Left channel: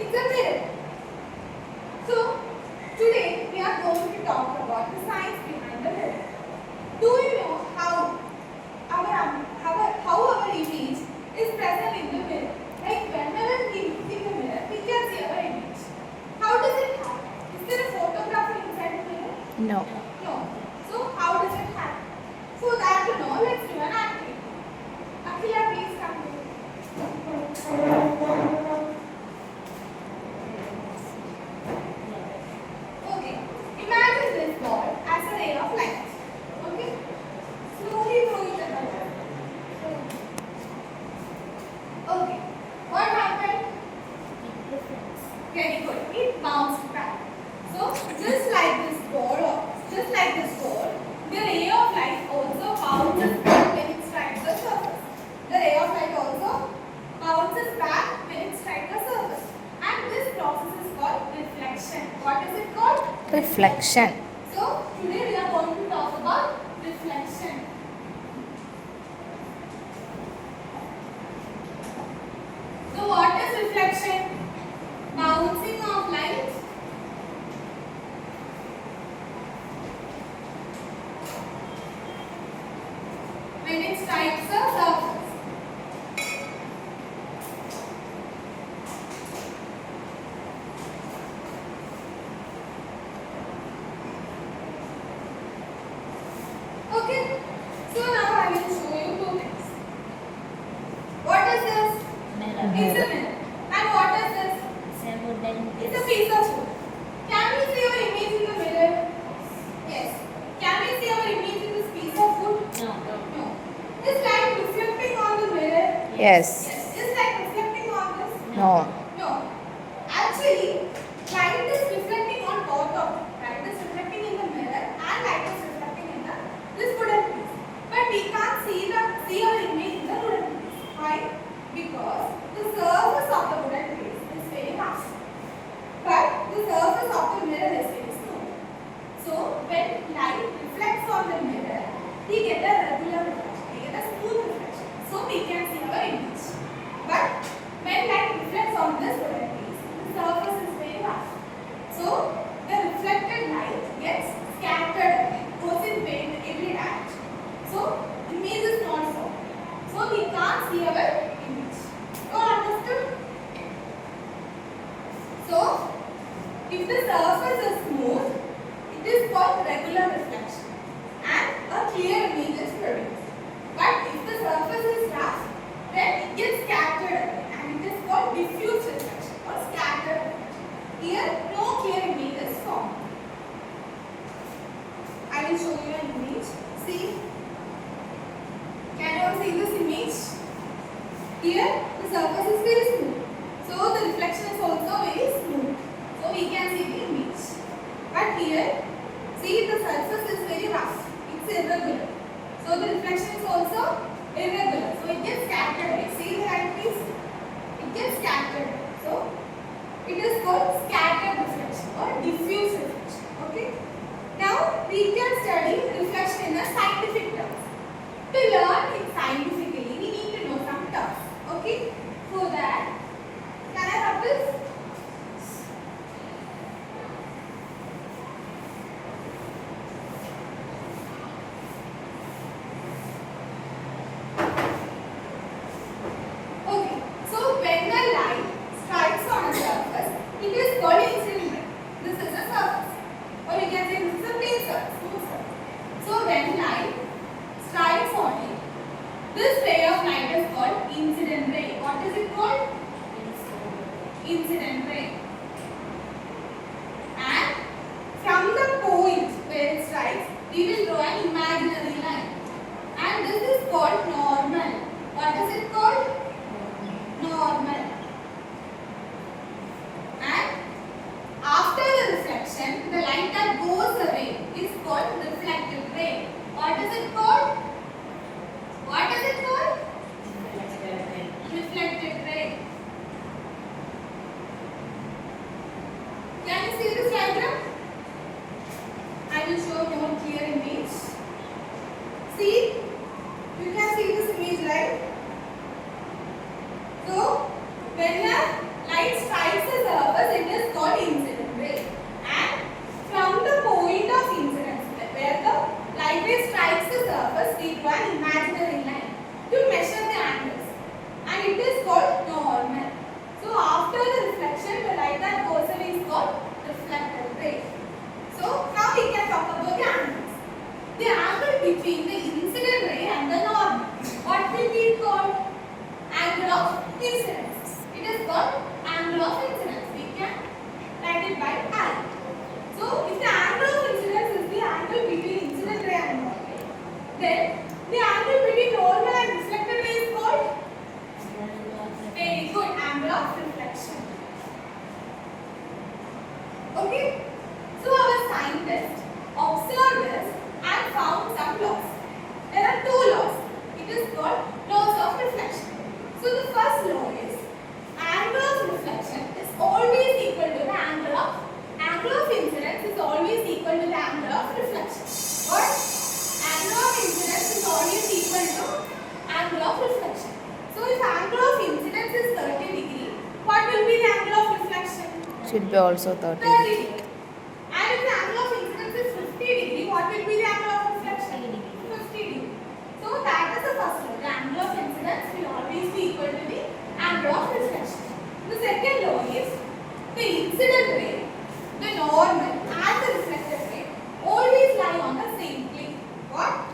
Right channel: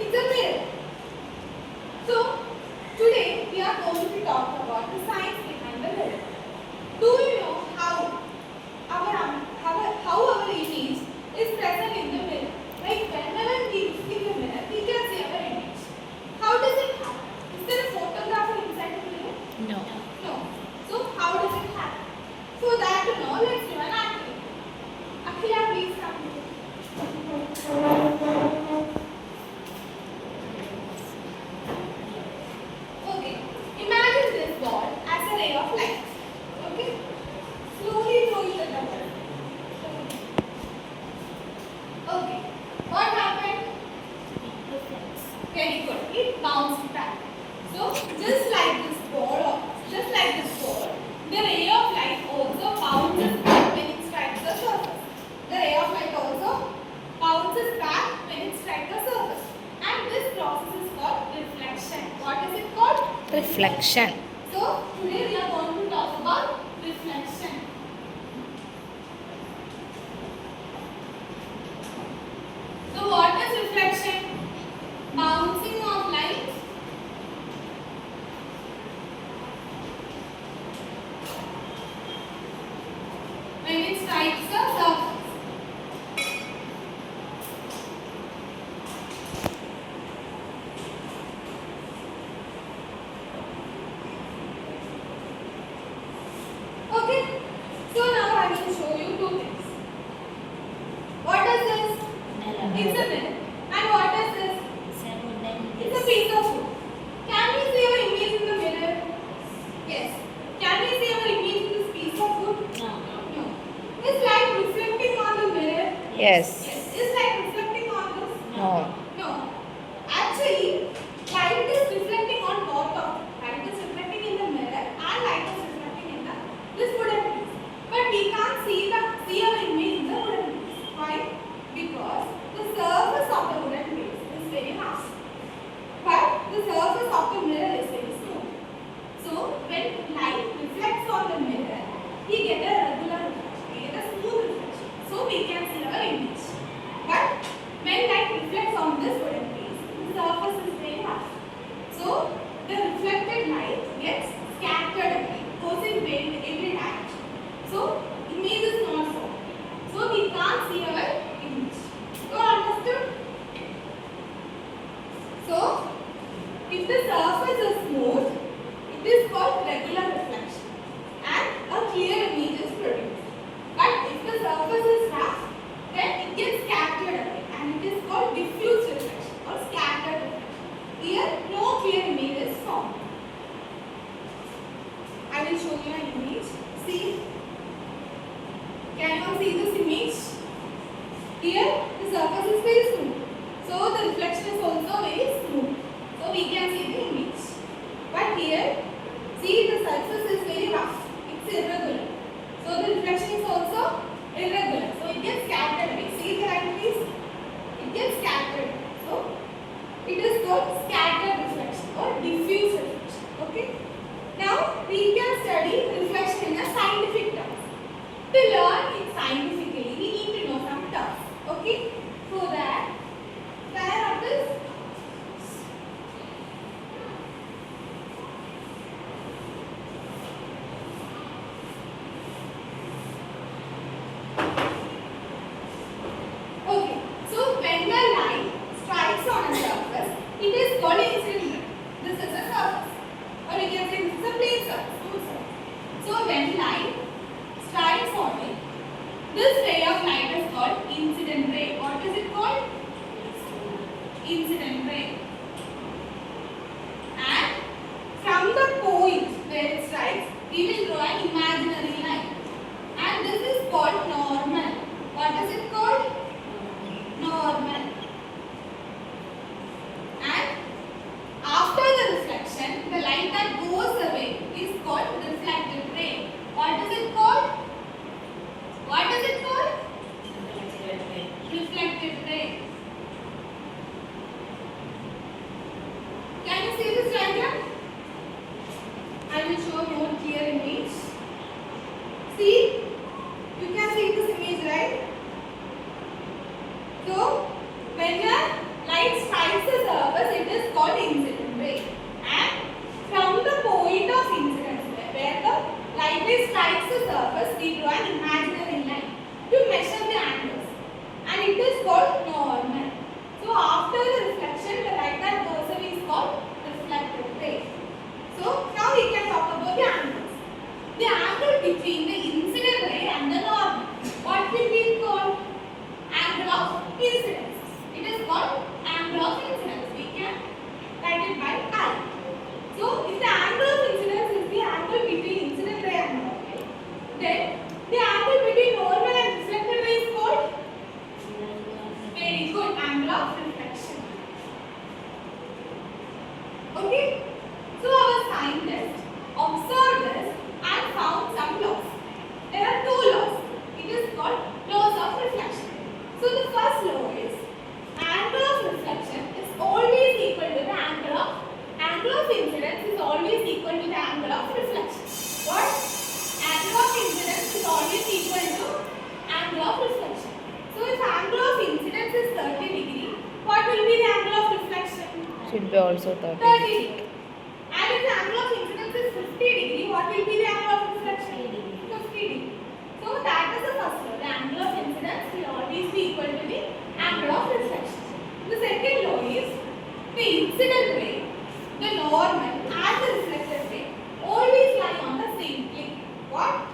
It's a mirror. So today we are going to talk about the science behind the mirror. Do you know how our image is present in the mirror? Like whenever we look in the mirror, we can see our image. How does it happen? Is there a photographer inside the mirror? No. No. So how does it happen? So that to know, let's do an activity. Akila, please come here. Okay. Imagine this ball as a ray of light. Okay. Slowly throw it at the ball. Okay. What happened? Very good. It bounced back. So just like this ball, the ray of light also bounces back when it strikes the surface. The ray of light also bounces back when it strikes the surface. And this process is called reflection. What is it called? Reflection. So today we are going to talk about reflection. So what is reflection? Bouncing of light. When it strikes the surface. Okay. So now I will show you two things. What is this? It's a mirror. And what is this? It's a piece of wood. Can we see our image in the mirror? Yes. Can we see our image in this piece of wood? No. Is light reflecting on the mirror? Yes. Yes. Is light reflecting on this? No. No. Actually, light is reflecting on both of them. Light is reflecting in the mirror and light is reflecting in this wooden piece. But we can't see our image in the wooden piece. Why? Because the surface of the wooden piece is very rough. But the surface of the mirror is very smooth. So when light reflects on the mirror, we get a regular reflection. We get a smooth reflection. So we can see our image. But when light reflects on this wooden piece, the surface is very rough. So the reflected light gets scattered away, goes in every direction. So image is not formed. So we can't see our image. You understood? So if the surface is smooth, it is called regular reflection and a clear image is produced. But if the surface is rough, then it gets scattered away and it is called diffuse reflection or scattered reflection. Here, no clear image is formed. I will show you an image. See? Can you all see this image? Here, the surface is very smooth. So, the reflection is also very smooth. So, we can see the image. But here, see the surface is very rough. It's irregular. So, the reflection is also irregular. So, it gets scattered away. See the light please? It gets scattered. So, it is called scattered reflection or diffuse reflection. Okay? Now, we can study reflection in a scientific terms. To learn it scientifically, we need to know some terms. Okay? So that, can I have this? Okay. So when the light strikes on a surface, it is called incident ray. This is a surface. Or we can say this is a plane surface. So when light strikes on it, this ray of light is called incident ray. What is it called? Incident ray. And from the point where it strikes, we will draw an imaginary line. And this is called normal. What is it called? Normal. And after the reflection, the light that goes away is called reflected ray. What is it called? What is it called? Reflected ray. angle of incidence. We can write it by I. So if the angle of incidence is the angle between incident ray and normal ray, then the angle between normal and reflected ray is called very good angle of reflection. Okay. So our scientists observed this and found some laws. There are two laws. It is called laws of reflection. So the first law is angle of reflection is always equal to the angle of incidence is always equal to the angle of reflection. What? Angle of incidence is always equal to angle of reflection. So if angle of incidence is 30 degree, what will be the angle of reflection? Should be also 30. 30 degree. And if the angle of incidence is 50 degree, what will be the angle of reflection? 50 degree. So that is the first law. The angle of incidence will always be equal to the angle of reflection. The second law is the incident ray, the normal and the reflected ray always lie on the same plane. What?